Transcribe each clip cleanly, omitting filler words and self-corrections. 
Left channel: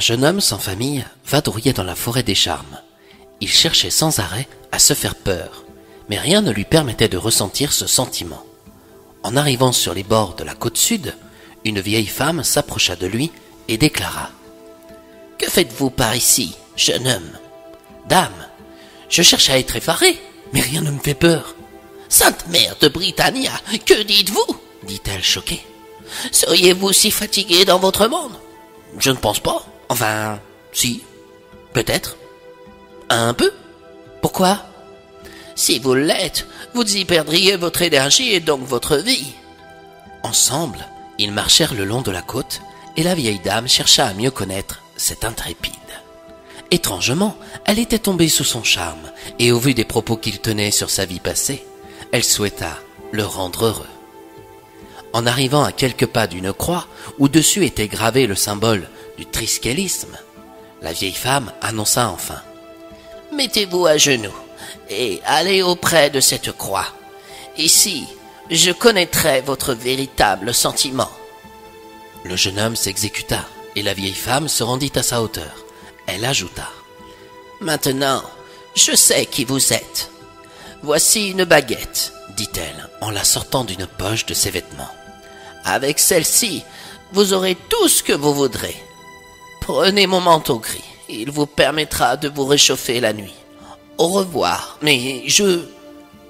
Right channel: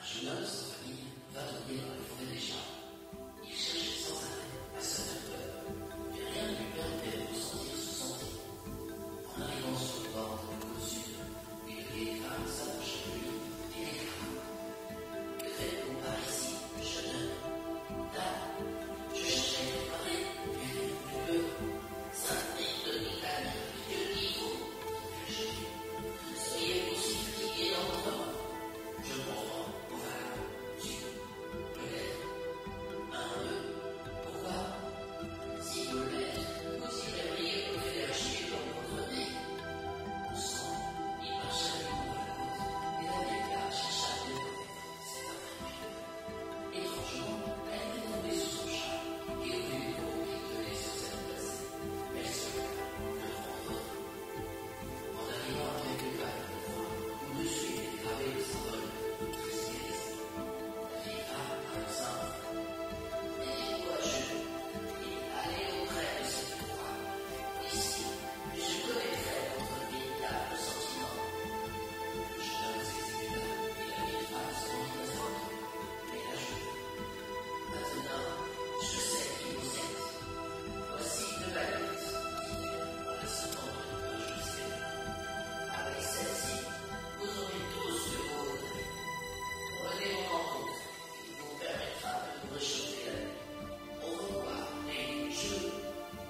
Un jeune homme sans famille vadrouillait dans la forêt des charmes. Il cherchait sans arrêt à se faire peur, mais rien ne lui permettait de ressentir ce sentiment. En arrivant sur les bords de la côte sud, une vieille femme s'approcha de lui et déclara: « Que faites-vous par ici, jeune homme ?»« Dame, je cherche à être effarée, mais rien ne me fait peur. »« Sainte Mère de Britannia, que dites-vous » dit-elle choquée. « Seriez-vous si fatigué dans votre monde ?»« Je ne pense pas. Enfin, si, peut-être. Un peu. Pourquoi ? Si vous l'êtes, vous y perdriez votre énergie et donc votre vie. » Ensemble, ils marchèrent le long de la côte et la vieille dame chercha à mieux connaître cette intrépide. Étrangement, elle était tombée sous son charme et au vu des propos qu'il tenait sur sa vie passée, elle souhaita le rendre heureux. En arrivant à quelques pas d'une croix où dessus était gravé le symbole du triskélisme, la vieille femme annonça enfin: « Mettez-vous à genoux et allez auprès de cette croix. Ici, je connaîtrai votre véritable sentiment. » Le jeune homme s'exécuta et la vieille femme se rendit à sa hauteur. Elle ajouta: « Maintenant, je sais qui vous êtes. Voici une baguette, dit-elle en la sortant d'une poche de ses vêtements. Avec celle-ci, vous aurez tout ce que vous voudrez. Prenez mon manteau gris, il vous permettra de vous réchauffer la nuit. Au revoir, mais je... »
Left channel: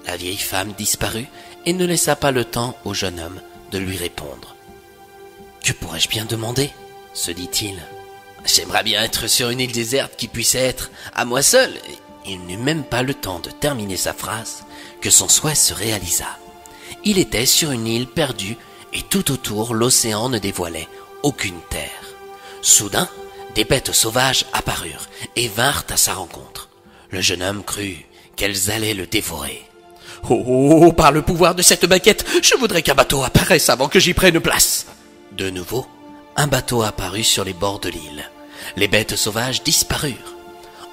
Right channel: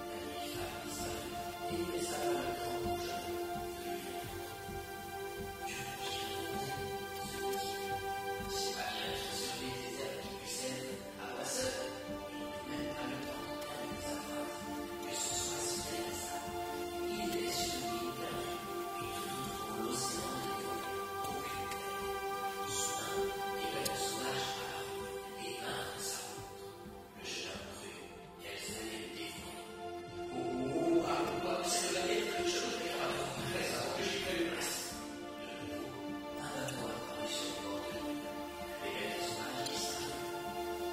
La vieille femme disparut et ne laissa pas le temps au jeune homme de lui répondre. « Que pourrais-je bien demander ?» se dit-il. « J'aimerais bien être sur une île déserte qui puisse être à moi seul. » Il n'eut même pas le temps de terminer sa phrase que son souhait se réalisa. Il était sur une île perdue et tout autour l'océan ne dévoilait aucune terre. Soudain, des bêtes sauvages apparurent et vinrent à sa rencontre. Le jeune homme crut qu'elles allaient le dévorer. « Oh, par le pouvoir de cette baguette, je voudrais qu'un bateau apparaisse avant que j'y prenne place !» De nouveau, un bateau apparut sur les bords de l'île. Les bêtes sauvages disparurent.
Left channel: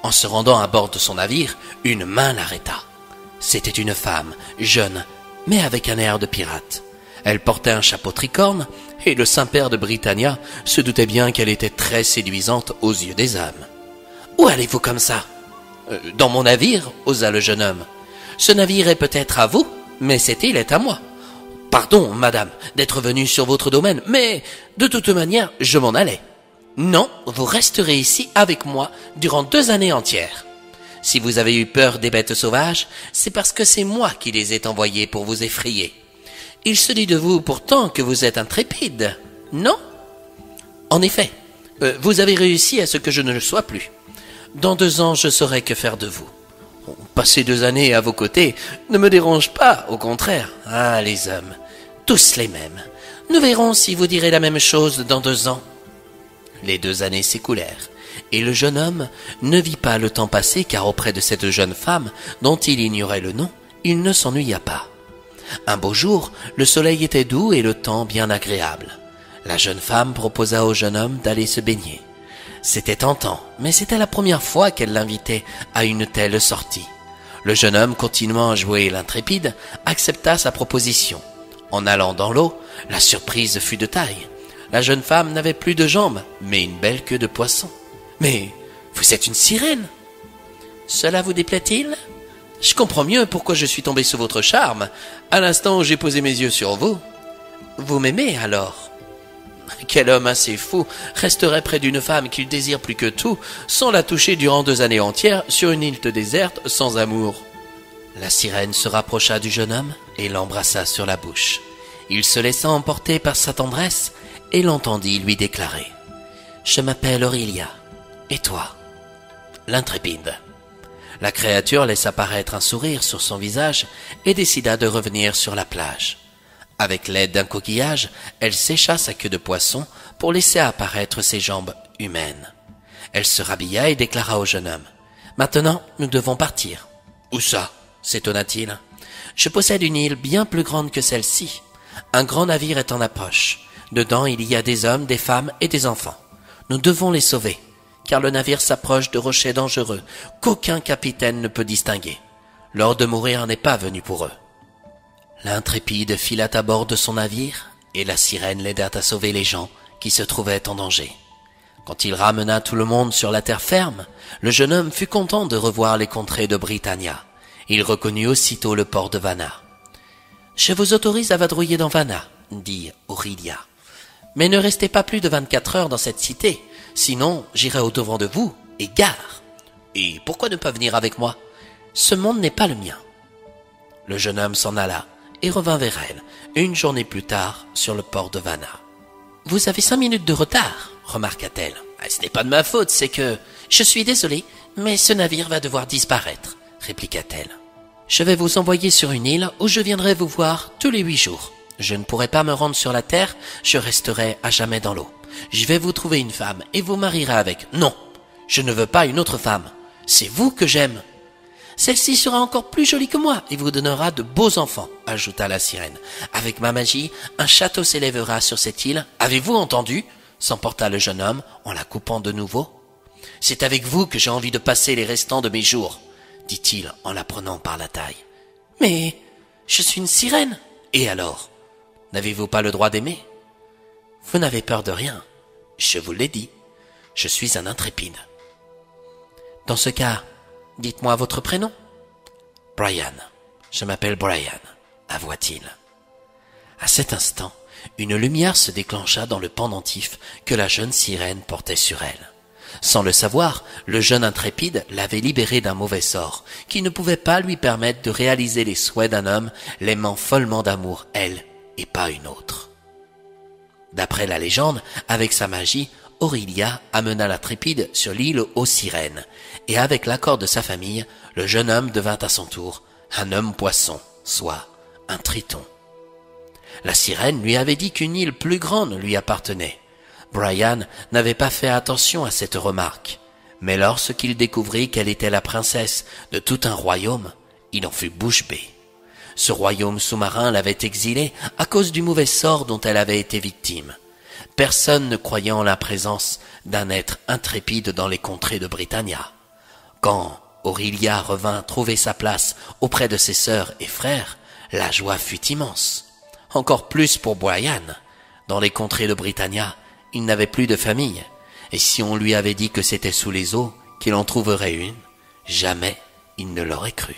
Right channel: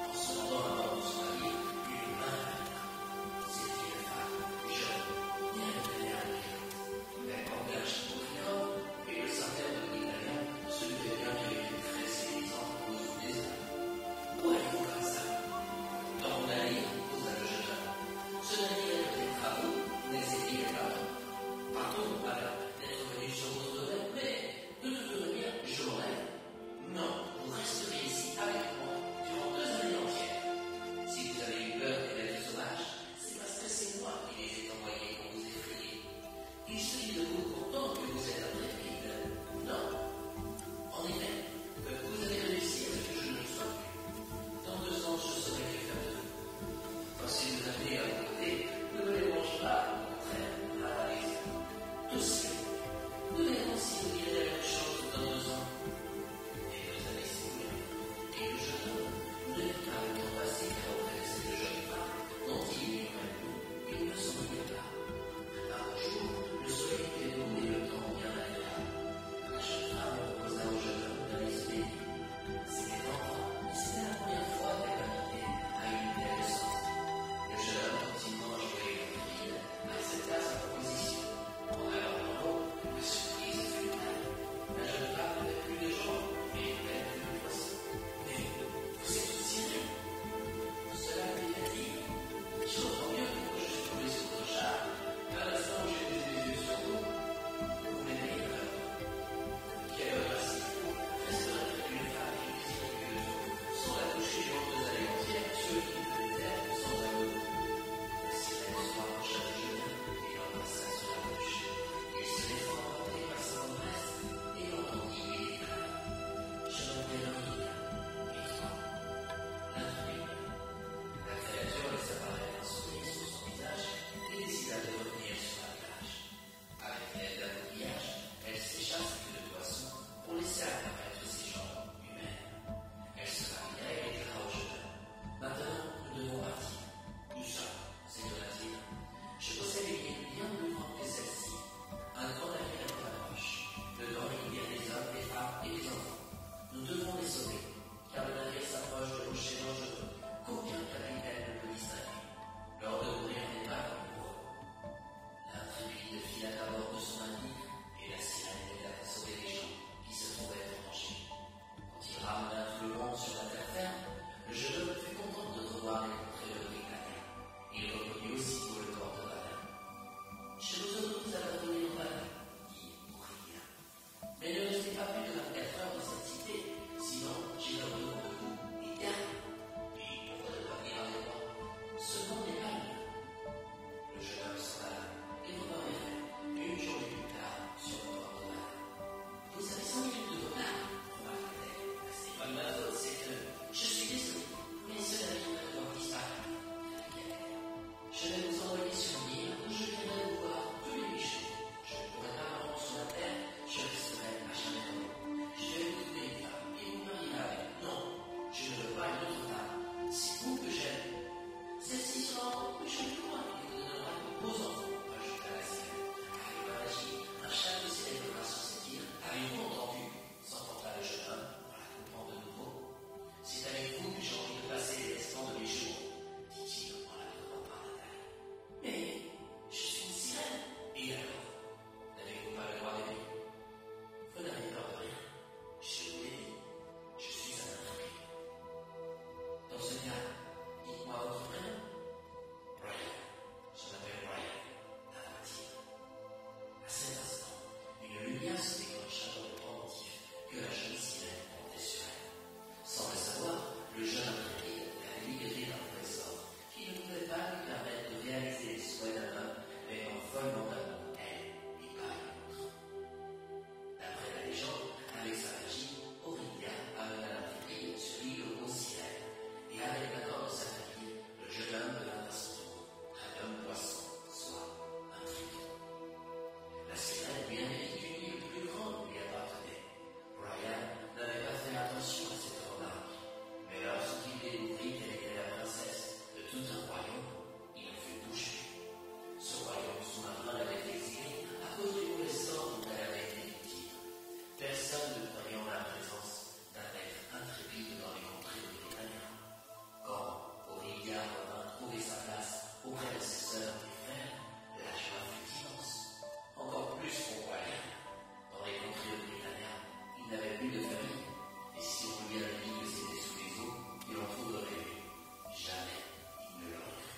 En se rendant à bord de son navire, une main l'arrêta. C'était une femme, jeune, mais avec un air de pirate. Elle portait un chapeau tricorne, et le Saint-Père de Britannia se doutait bien qu'elle était très séduisante aux yeux des hommes. « Où allez-vous comme ça ?»« Dans mon navire, » osa le jeune homme. « Ce navire est peut-être à vous, mais cette île est à moi. Pardon, madame, d'être venue sur votre domaine, mais de toute manière, je m'en allais. Non, vous resterez ici avec moi durant 2 années entières. Si vous avez eu peur des bêtes sauvages, c'est parce que c'est moi qui les ai envoyées pour vous effrayer. Il se dit de vous pourtant que vous êtes intrépide, non ? En effet, vous avez réussi à ce que je ne le sois plus. Dans 2 ans, je saurai que faire de vous. Passer 2 années à vos côtés ne me dérange pas, au contraire. Ah, les hommes, tous les mêmes. Nous verrons si vous direz la même chose dans 2 ans. Les 2 années s'écoulèrent, et le jeune homme ne vit pas le temps passer car auprès de cette jeune femme, dont il ignorait le nom, il ne s'ennuya pas. Un beau jour, le soleil était doux et le temps bien agréable. La jeune femme proposa au jeune homme d'aller se baigner. C'était tentant, mais c'était la première fois qu'elle l'invitait à une telle sortie. Le jeune homme, continuant à jouer l'intrépide, accepta sa proposition. En allant dans l'eau, la surprise fut de taille. La jeune femme n'avait plus de jambes, mais une belle queue de poisson. « Mais vous êtes une sirène !»« Cela vous déplaît-il ? Je comprends mieux pourquoi je suis tombé sous votre charme, à l'instant où j'ai posé mes yeux sur vous. Vous m'aimez alors ? Quel homme assez fou resterait près d'une femme qu'il désire plus que tout, sans la toucher durant 2 années entières sur une île déserte sans amour ?» La sirène se rapprocha du jeune homme et l'embrassa sur la bouche. Il se laissa emporter par sa tendresse et l'entendit lui déclarer: « Je m'appelle Aurélia. Et toi ?» L'intrépide. La créature laissa paraître un sourire sur son visage et décida de revenir sur la plage. Avec l'aide d'un coquillage, elle sécha sa queue de poisson pour laisser apparaître ses jambes humaines. Elle se rhabilla et déclara au jeune homme: « Maintenant, nous devons partir. »« Où ça ?» s'étonna-t-il. « Je possède une île bien plus grande que celle-ci. Un grand navire est en approche. Dedans, il y a des hommes, des femmes et des enfants. Nous devons les sauver, car le navire s'approche de rochers dangereux qu'aucun capitaine ne peut distinguer. L'heure de mourir n'est pas venue pour eux. » L'intrépide fila à bord de son navire et la sirène l'aida à sauver les gens qui se trouvaient en danger. Quand il ramena tout le monde sur la terre ferme, le jeune homme fut content de revoir les contrées de Britannia. Il reconnut aussitôt le port de Vanna. « Je vous autorise à vadrouiller dans Vanna, » dit Aurelia. « Mais ne restez pas plus de 24 heures dans cette cité, sinon j'irai au-devant de vous, et gare. Et pourquoi ne pas venir avec moi? Ce monde n'est pas le mien. » Le jeune homme s'en alla et revint vers elle, une journée plus tard, sur le port de Vanna. « Vous avez 5 minutes de retard, » remarqua-t-elle. « Ce n'est pas de ma faute, c'est que... »« Je suis désolée, mais ce navire va devoir disparaître, » répliqua-t-elle. « Je vais vous envoyer sur une île où je viendrai vous voir tous les 8 jours. Je ne pourrai pas me rendre sur la terre, je resterai à jamais dans l'eau. Je vais vous trouver une femme et vous marierez avec. Non, je ne veux pas une autre femme. C'est vous que j'aime. Celle-ci sera encore plus jolie que moi et vous donnera de beaux enfants, ajouta la sirène. Avec ma magie, un château s'élèvera sur cette île. Avez-vous entendu? S'emporta le jeune homme en la coupant de nouveau. C'est avec vous que j'ai envie de passer les restants de mes jours, dit-il en la prenant par la taille. Mais je suis une sirène. Et alors? N'avez-vous pas le droit d'aimer? Vous n'avez peur de rien. Je vous l'ai dit. Je suis un intrépide. Dans ce cas, dites-moi votre prénom. Brian. Je m'appelle Brian, avoua-t-il. À cet instant, une lumière se déclencha dans le pendentif que la jeune sirène portait sur elle. Sans le savoir, le jeune intrépide l'avait libérée d'un mauvais sort, qui ne pouvait pas lui permettre de réaliser les souhaits d'un homme l'aimant follement d'amour, elle, et pas une autre. D'après la légende, avec sa magie, Aurelia amena l'intrépide sur l'île aux sirènes, et avec l'accord de sa famille, le jeune homme devint à son tour un homme poisson, soit un triton. La sirène lui avait dit qu'une île plus grande lui appartenait. Brian n'avait pas fait attention à cette remarque, mais lorsqu'il découvrit qu'elle était la princesse de tout un royaume, il en fut bouche bée. Ce royaume sous-marin l'avait exilée à cause du mauvais sort dont elle avait été victime. Personne ne croyait en la présence d'un être intrépide dans les contrées de Britannia. Quand Aurelia revint trouver sa place auprès de ses sœurs et frères, la joie fut immense. Encore plus pour Brian. Dans les contrées de Britannia, il n'avait plus de famille, et si on lui avait dit que c'était sous les eaux qu'il en trouverait une, jamais il ne l'aurait cru.